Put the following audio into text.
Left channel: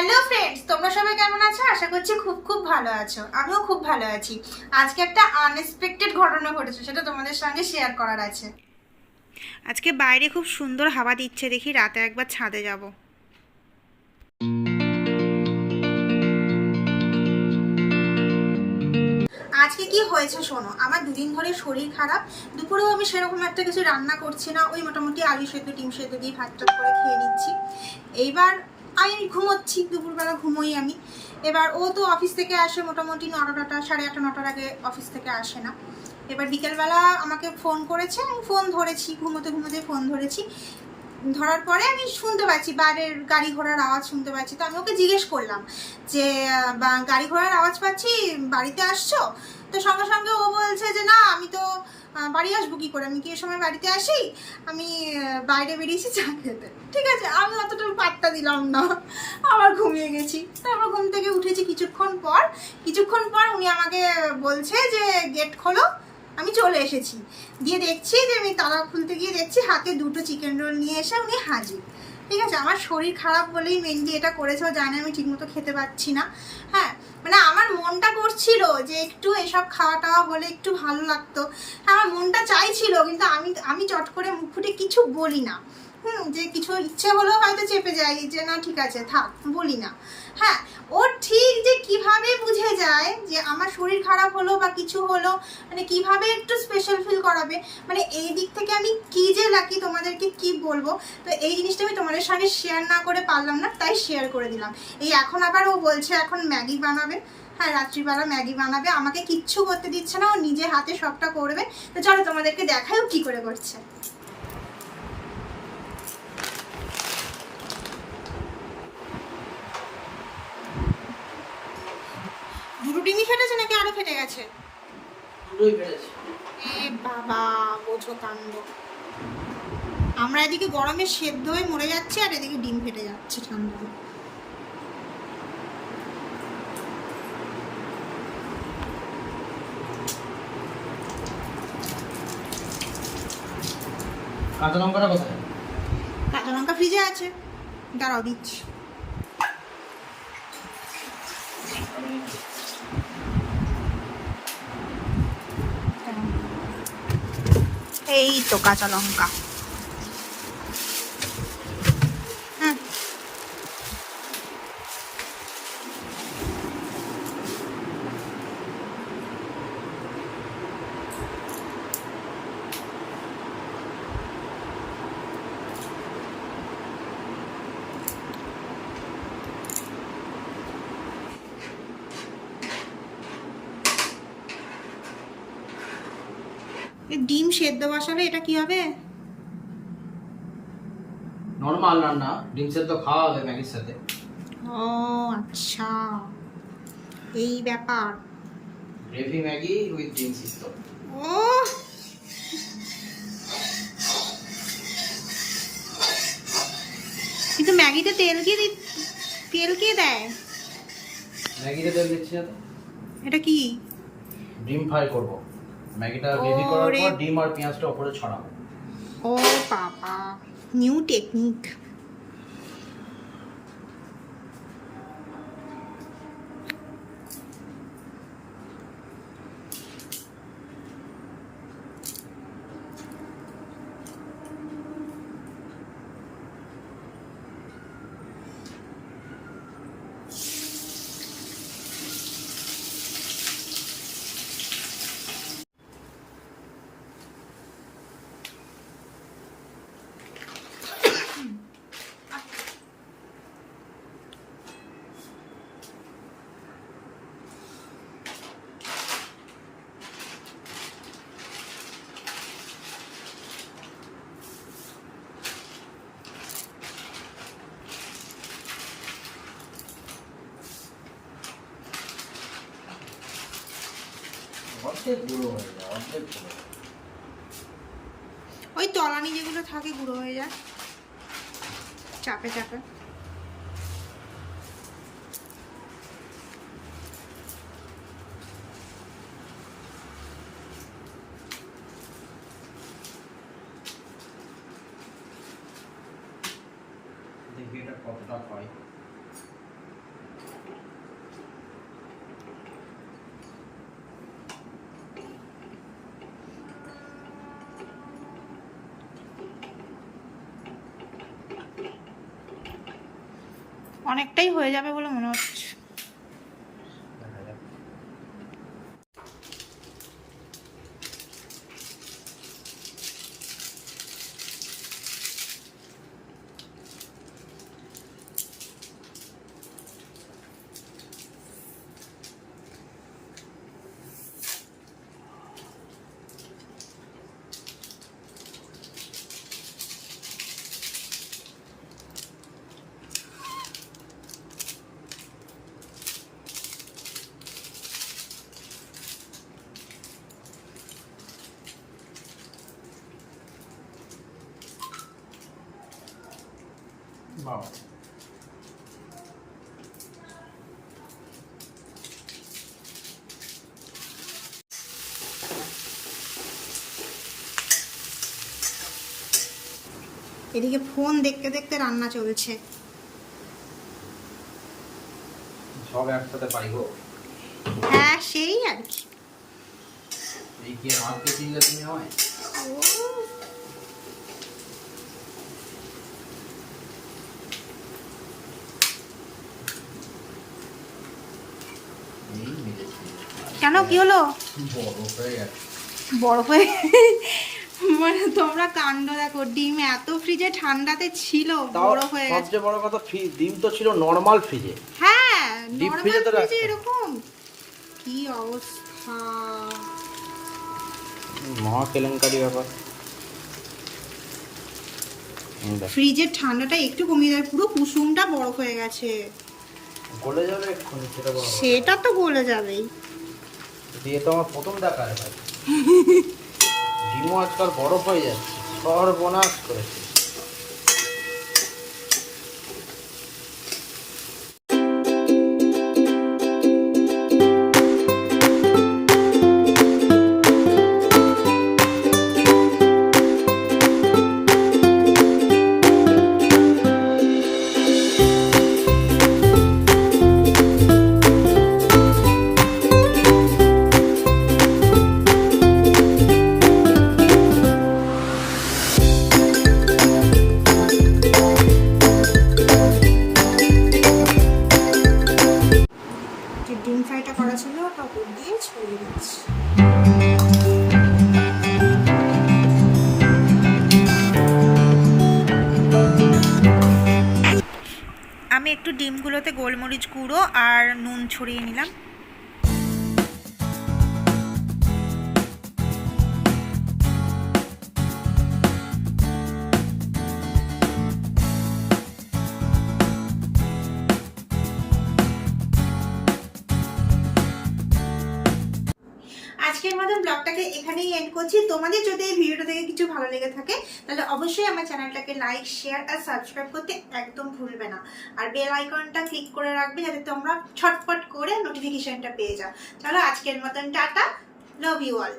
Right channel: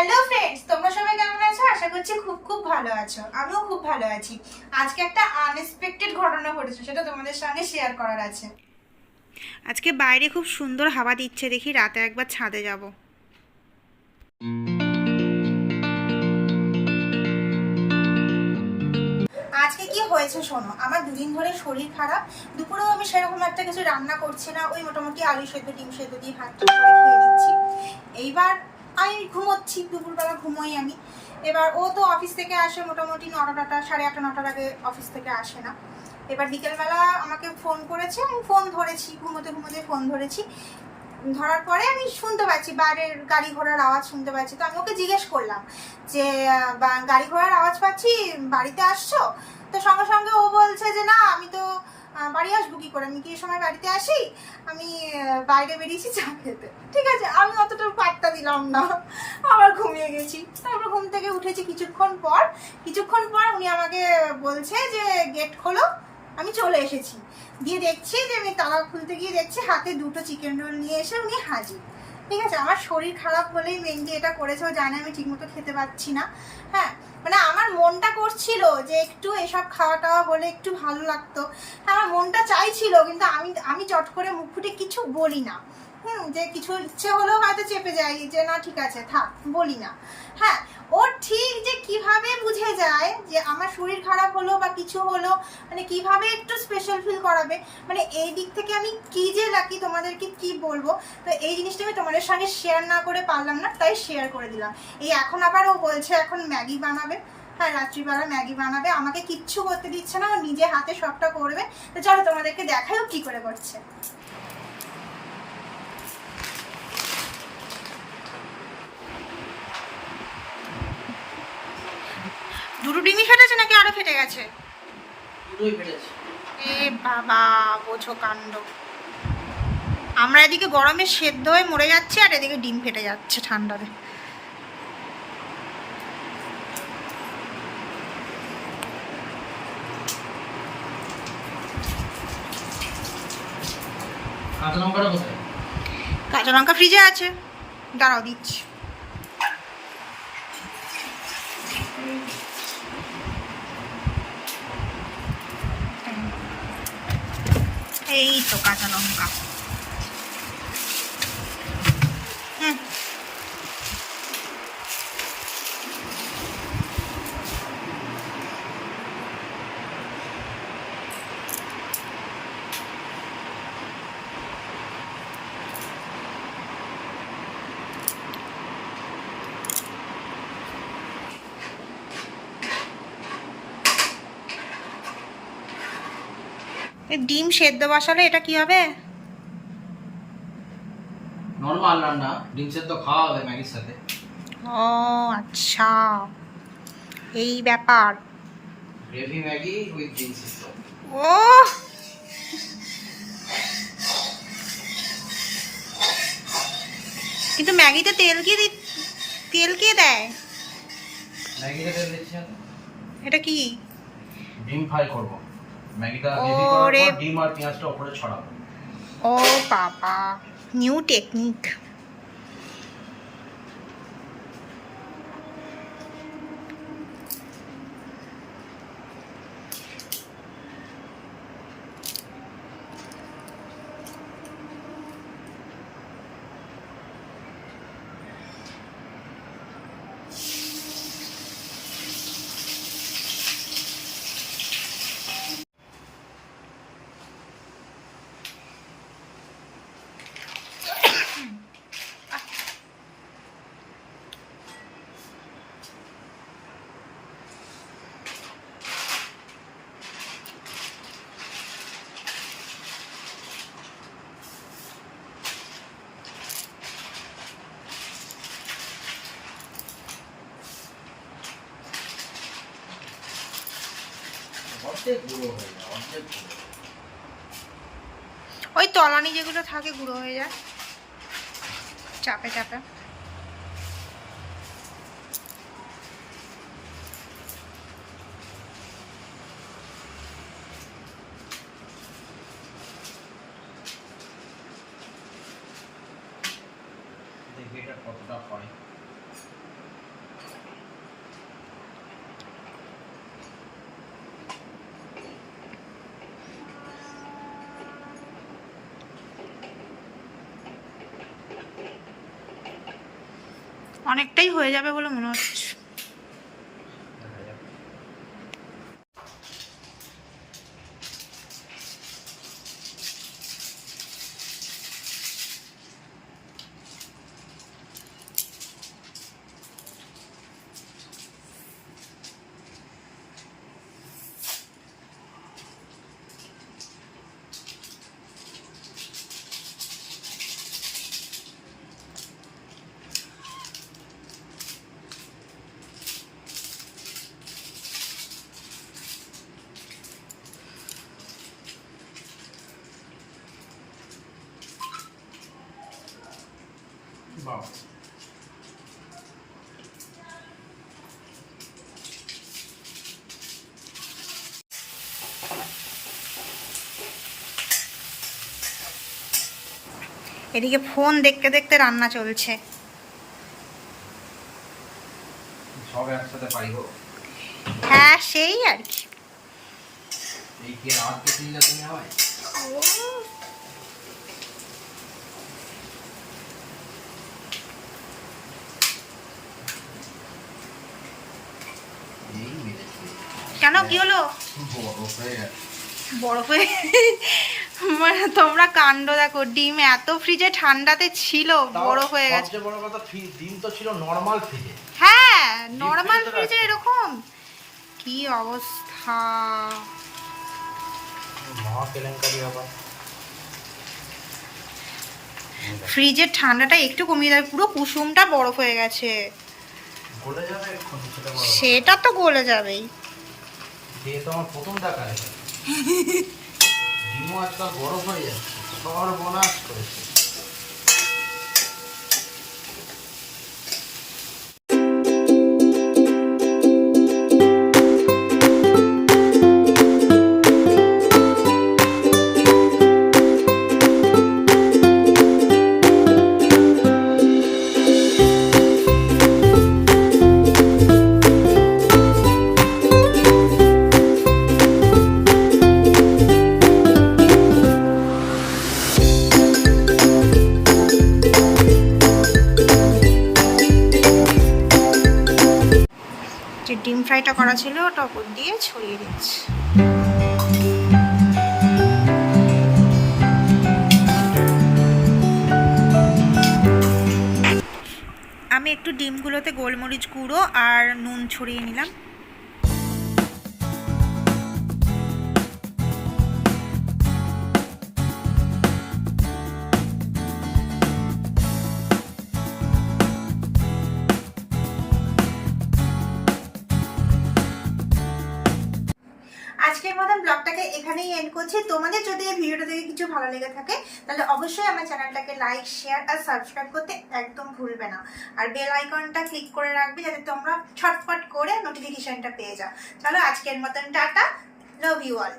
Hello friends, তোমরা সবাই কেমন আছো? আশা করছি খুব খুব ভালো আছো। আমিও খুব ভালো আছি। আজকে একটা আনএক্সপেক্টেড ঘটনা ঘটেছে, সেটা তোমাদের সঙ্গে শেয়ার করার আছে। আজকে বাইরে খুব সুন্দর হাওয়া দিচ্ছে, দেখি রাতে একবার ছাদে যাব। আজকে কি হয়েছে শোনো। আমার দুদিন ধরে শরীর খারাপ। দুপুরেও আমি সেরকম একটা কিছু রান্না করছি না, ওই মোটামুটি আলু সেদ্ধ ডিম সেদ্ধ দিয়ে ভাতটা করে খেয়ে নিচ্ছি। এইবার আমি ঘুমোচ্ছি, দুপুরবেলা ঘুমোই আমি। এবার ও তো অফিস থেকে আসে মোটামুটি 9টা 8:30 9টার আগে অফিস থেকে আসে না। এবার বিকেলবেলা আমাকে ফোন করেছে, আমি ফোন ধরেছি, ঘুমোতে ঘুমোতে ফোন ধরেছি। ধরার পরে আমি শুনতে পাচ্ছি বাইরের গাড়ি ঘোড়ার আওয়াজ শুনতে পাচ্ছি। তো আমি ওকে জিজ্ঞেস করলাম যে গাড়ি ঘোড়ার আওয়াজ পাচ্ছি, বাড়িতে আসছো? তো সঙ্গে সঙ্গে ও বলছে যে না, আমি তো বাড়ি আসবো কী করে, আমি কি এ সময় বাড়িতে আসি, আমি বাইরে বেরিয়েছি চা খেতে। ঠিক আছে, আমি অতটা পাত্তা দিলাম না, আবার ঘুমিয়ে গেছি। তারপর ঘুম থেকে উঠেছি কিছুক্ষণ পর উনি আমাকে বলছে যে গেট খোলো। আমি চলে এসেছি, দিয়ে দেখছি যে আমি তালা খুলতে গিয়ে দেখছি হাতে 2টো চিকেন রোল নিয়ে এসে উনি হাজির। ঠিক আছে, আমার শরীর খারাপ বলেই মেনলি এটা করেছে। ও জানে আমি ঠিকমতো খেতে পাচ্ছি না। হ্যাঁ, মানে আমার মনটা করছিল যে একটু এসব খাওয়া টাওয়া হলে একটু ভালো লাগতো। আমার মনটা চাইছিল, কিন্তু আমি চট করে মুখ ফুটে কিছু বলি না। যে কিছু ইচ্ছে হলেও হয়তো চেপে যাই যে না ঠিক আছে থাক, বলি না। হ্যাঁ, ও ঠিক যে কিভাবে বুঝে যায় যে আমার শরীর খারাপ হলো বা কিছু হলো, মানে কিভাবে একটু স্পেশাল ফিল করাবে। মানে এই দিক থেকে আমি কি যে লাকি, তোমাদেরকে কি বলবো। তো এই জিনিসটা আমি তোমাদের সঙ্গে শেয়ার না করে পারলাম না, তাই শেয়ার করে দিলাম। এই এখন আবার ও বলছে এখন ম্যাগি বানাবে। হ্যাঁ, রাত্রিবেলা ম্যাগি বানাবে, আমাকে কিচ্ছু করতে দিচ্ছে না, ও নিজে হাতে সবটা করবে। তো চলো তোমাদেরকে দেখাই ও কি করে করছে। দুটো ডিমই ফেটেছে নাকি আরো ফেটে গেছে? দুটোই ফেটেছে। এ বাবা, বোঝো কাণ্ড। আমরা এদিকে গরমে সেদ্ধ হয়ে মরে যাচ্ছি, আর এদিকে ডিম ফেটে যাচ্ছে ঠান্ডাতে। কাঁচা লঙ্কাটা কোথায়? কাঁচা লঙ্কা ফ্রিজে আছে, দাঁড়াও দিচ্ছি। এই তো কাঁচা লঙ্কা। ডিম সেদ্ধ বসালে এটা কি হবে? নরমাল রান্না, ডিম সেদ্ধ খাওয়া হবে ম্যাগির সাথে। ও আচ্ছা, এই ব্যাপার। গ্রেভি ম্যাগি উইথ ডিম সেদ্ধ। ও, কিন্তু ম্যাগিতে তেল কে দেয়? ম্যাগিতে তেল দিচ্ছি না তো। এটা কি? ডিম ফ্রাই করব। ম্যাগিটা গ্রেভি করার ওরে, পর ডিম আর পেঁয়াজটা উপরে ছড়াবো। ও বাবা, নিউ টেকনিক। অর্ধেক গুঁড়ো হয়ে যায়, অর্ধেক গুঁড়ো। ওই তলানি যেগুলো থাকে গুঁড়ো হয়ে যায় চাপে চাপে। দেখি এটা কতটা হয়। অনেকটাই হয়ে যাবে বলে মনে হচ্ছে। বাহ, এদিকে ফোন দেখতে দেখতে রান্না চলছে। সব একসাথে পাই গো। হ্যাঁ সেই আর কি। এই কি আজকে দিলে তুমি আমায়? এই মেরেছি। কেন কি হলো? বড় হয়ে গেছে। বরফ হয়ে মানে তোমরা কাণ্ড দেখো, ডিম এত ফ্রিজে ঠান্ডাতে ছিল বরফ হয়ে গেছে। সবচেয়ে বড় কথা ডিম তো ছিল নরমাল ফ্রিজে। হ্যাঁ Deep নরমাল freeze-এ ফ্রিজে রাখা। এরকম কি অবস্থা। মহা কেলেঙ্কারি ব্যাপার। ফ্রিজের ঠান্ডাটা একটু কমিয়ে দেয়, পুরো কুসুমটা বরফ হয়ে গেছে। গলে যাবে এখন সেটা বড় কথা। সেটা তো গলে যাবেই। দিয়ে তো আমার প্রথম দেখা হয়। ডিমও আজকাল বরফ হয়ে যাচ্ছে, সর্বনাশ করেছে। যে ডিম ফ্রাইটা করা ছিল ওটা উপর দিয়ে ছড়িয়ে দিচ্ছি। আমি একটু ডিমগুলোতে গোলমরিচ গুঁড়ো আর নুন ছড়িয়ে নিলাম। আজকের মতন ব্লগটাকে এখানেই এন্ড করছি। তোমাদের যদি এই ভিডিওটা থেকে কিছু ভালো লেগে থাকে তাহলে অবশ্যই আমার চ্যানেলটাকে লাইক শেয়ার আর সাবস্ক্রাইব করতে একদম ভুলবে না। আর বেল আইকনটা ক্লিক করে রাখবে যাতে তোমরা ছটফট করে নোটিফিকেশনটা পেয়ে যাও। চলো আজকের মতন টাটা, লাভ ইউ অল।